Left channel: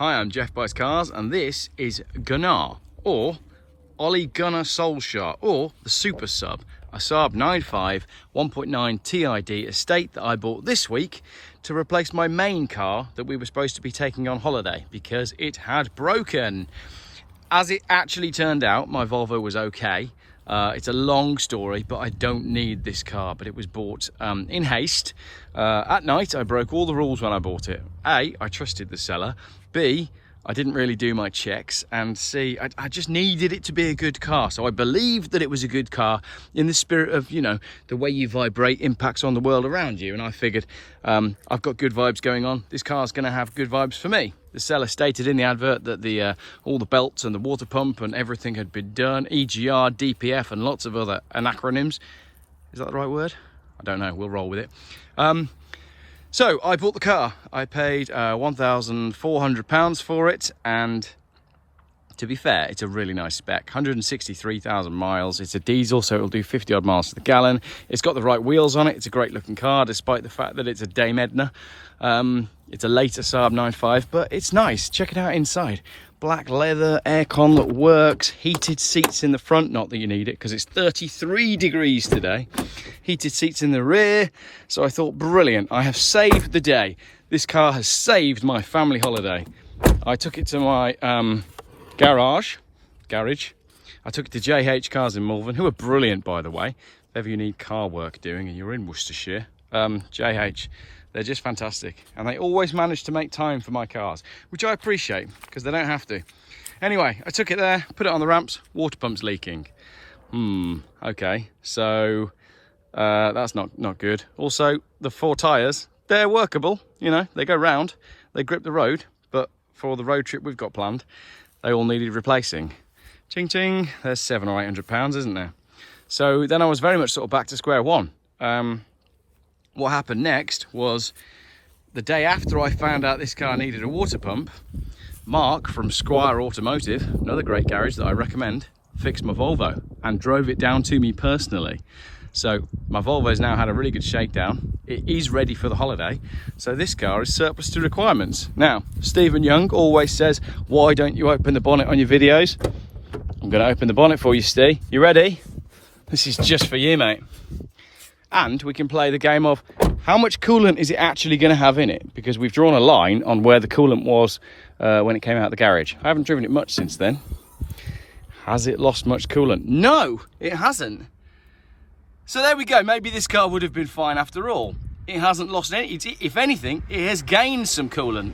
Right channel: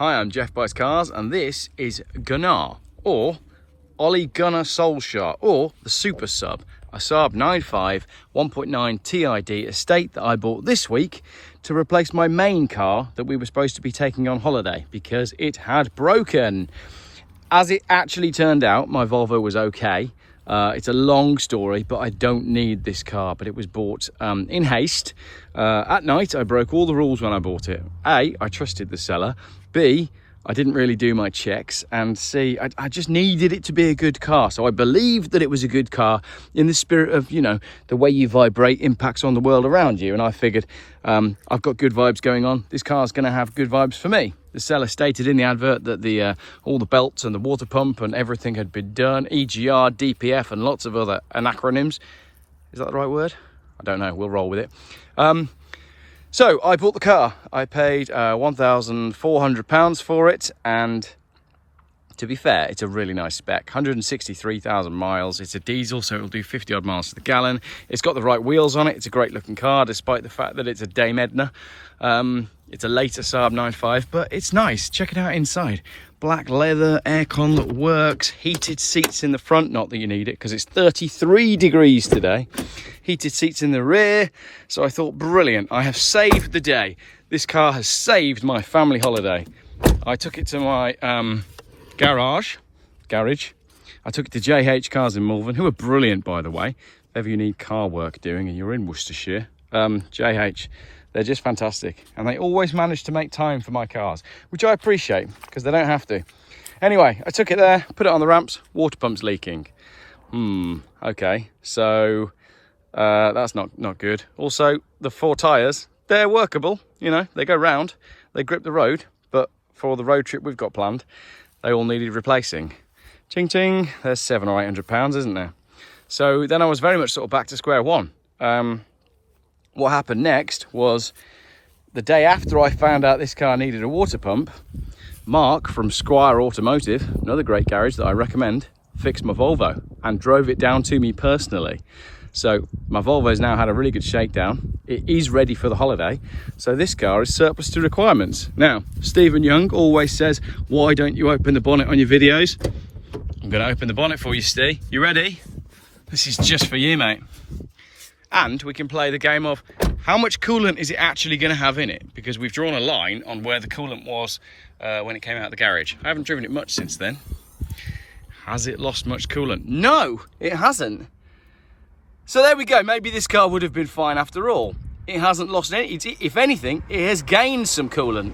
Hi, I'm Jeff Buys Cars, and this is Gunnar, or Ollie Gunnar Solskjaer, or the Super Sub, a Saab 9.5 1.9 TiD estate that I bought this week to replace my main car that we were supposed to be taking on holiday because it had broken. As it actually turned out, my Volvo was okay. It's a long story, but I don't need this car, but it was bought in haste. At night, I broke all the rules when I bought it. A, I trusted the seller. B, I didn't really do my checks. And C, I just needed it to be a good car. So I believed that it was a good car in the spirit of, you know, the way you vibrate impacts on the world around you. And I figured I've got good vibes going on. This car's going to have good vibes for me. The seller stated in the advert that all the belts and the water pump and everything had been done, EGR, DPF and lots of other acronyms. Is that the right word? I don't know, we'll roll with it. So I bought the car. I paid £1,400 for it, and to be fair, it's a really nice spec. 163,000 miles. It's a diesel, so it'll do 50 odd miles to the gallon. It's got the right wheels on it. It's a great looking car, despite the fact that it's a Dame Edna. It's a later Saab 9.5, but it's nice. Check it out inside. Black leather, aircon that works, heated seats in the front. Not that you need it because it's 33 degrees today. Heated seats in the rear. So I thought, brilliant, I have saved the day. This car has saved my family holiday. I took it to my garage. I took it to JH Cars in Malvern, who are brilliant, by the way. If ever you need car work doing and you're in Worcestershire, JH, they're just fantastic. And they always manage to make time for my cars, which I appreciate because they don't have to. Anyway, I took it there, put it on the ramps, water pump's leaking. Okay, so that's not good. Also, the 4 tyres, they're workable, you know, they go round, they grip the road, but for the road trip we've got planned, they all needed replacing. Ching ching, there's £700 or £800, isn't there? So then I was very much sort of back to square one. What happened next was the day after I found out this car needed a water pump, Mark from Squire Automotive, another great garage that I recommend, fixed my Volvo and drove it down to me personally. So my Volvo's now had a really good shakedown. It is ready for the holiday. So this car is surplus to requirements. Now, Stephen Young always says, why don't you open the bonnet on your videos? I'm going to open the bonnet for you, Steve. You ready? This is just for you, mate. And we can play the game of how much coolant is it actually going to have in it? Because we've drawn a line on where the coolant was when it came out of the garage. I haven't driven it much since then. Has it lost much coolant? No, it hasn't. So there we go. Maybe this car would have been fine after all. It hasn't lost any. If anything, it has gained some coolant.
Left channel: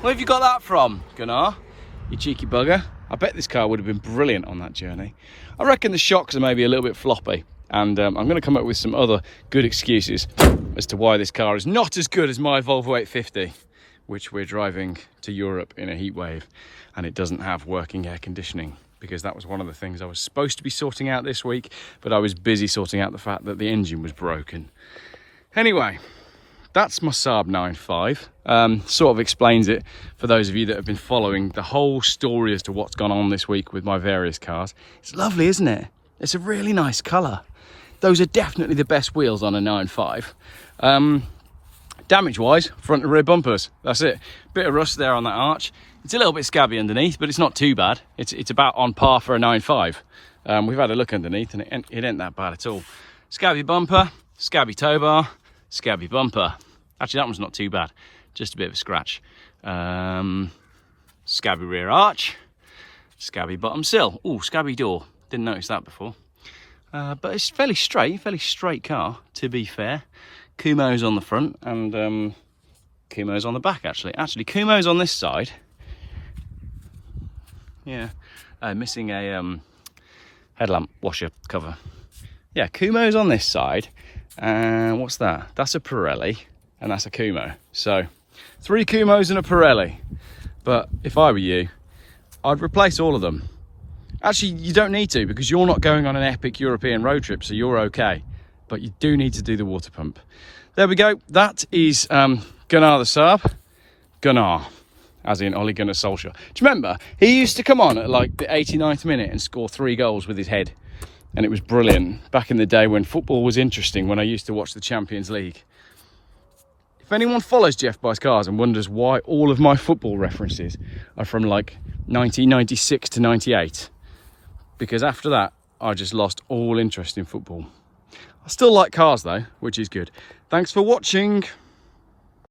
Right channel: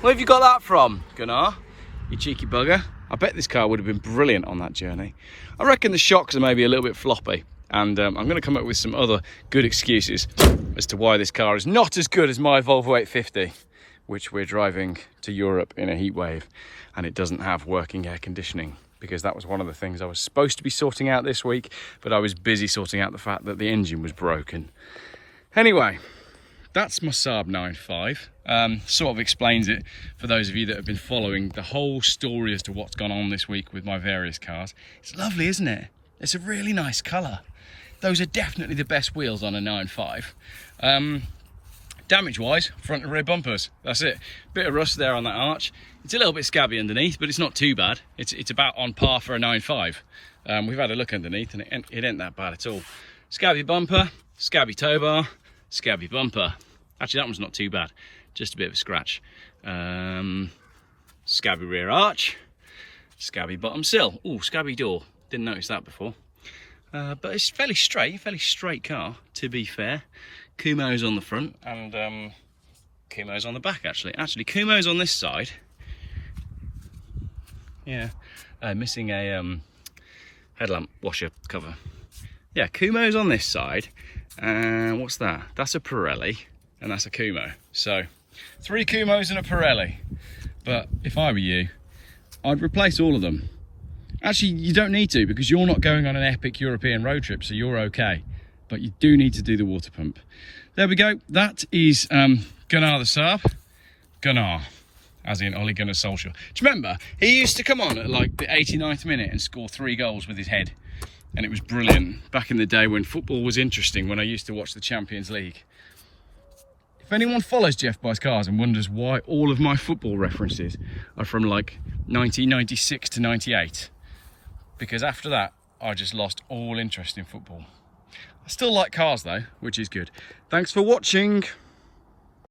Where have you got that from, Gunnar? You cheeky bugger. I bet this car would have been brilliant on that journey. I reckon the shocks are maybe a little bit floppy. And I'm going to come up with some other good excuses as to why this car is not as good as my Volvo 850, which we're driving to Europe in a heat wave, and it doesn't have working air conditioning, because that was one of the things I was supposed to be sorting out this week, but I was busy sorting out the fact that the engine was broken. Anyway, that's my Saab 9.5. Sort of explains it for those of you that have been following the whole story as to what's gone on this week with my various cars. It's lovely, isn't it? It's a really nice colour. Those are definitely the best wheels on a 9.5. Damage wise, front and rear bumpers, that's it. Bit of rust there on that arch. It's a little bit scabby underneath, but it's not too bad. It's about on par for a 9.5. We've had a look underneath and it ain't that bad at all. Scabby bumper, scabby tow bar, scabby bumper. Actually, that one's not too bad, just a bit of a scratch. Scabby rear arch, scabby bottom sill. Oh, scabby door, didn't notice that before. But it's fairly straight car, to be fair. Kumo's on the front and Kumo's on the back, actually. Actually, Kumo's on this side. Yeah, missing a headlamp washer cover. Yeah, Kumo's on this side. And what's that? That's a Pirelli and that's a Kumo. So 3 Kumos and a Pirelli. But if I were you, I'd replace all of them. Actually, you don't need to, because you're not going on an epic European road trip, so you're okay. But you do need to do the water pump. There we go. That is Gunnar the Super. Gunnar, as in Ollie Gunnar Solskjaer. Do you remember? He used to come on at like the 89th minute and score 3 goals with his head. And it was brilliant. Back in the day when football was interesting, when I used to watch the Champions League. If anyone follows Jeff Buys Cars and wonders why all of my football references are from like 1996 to 98, because after that, I just lost all interest in football. I still like cars though, which is good. Thanks for watching.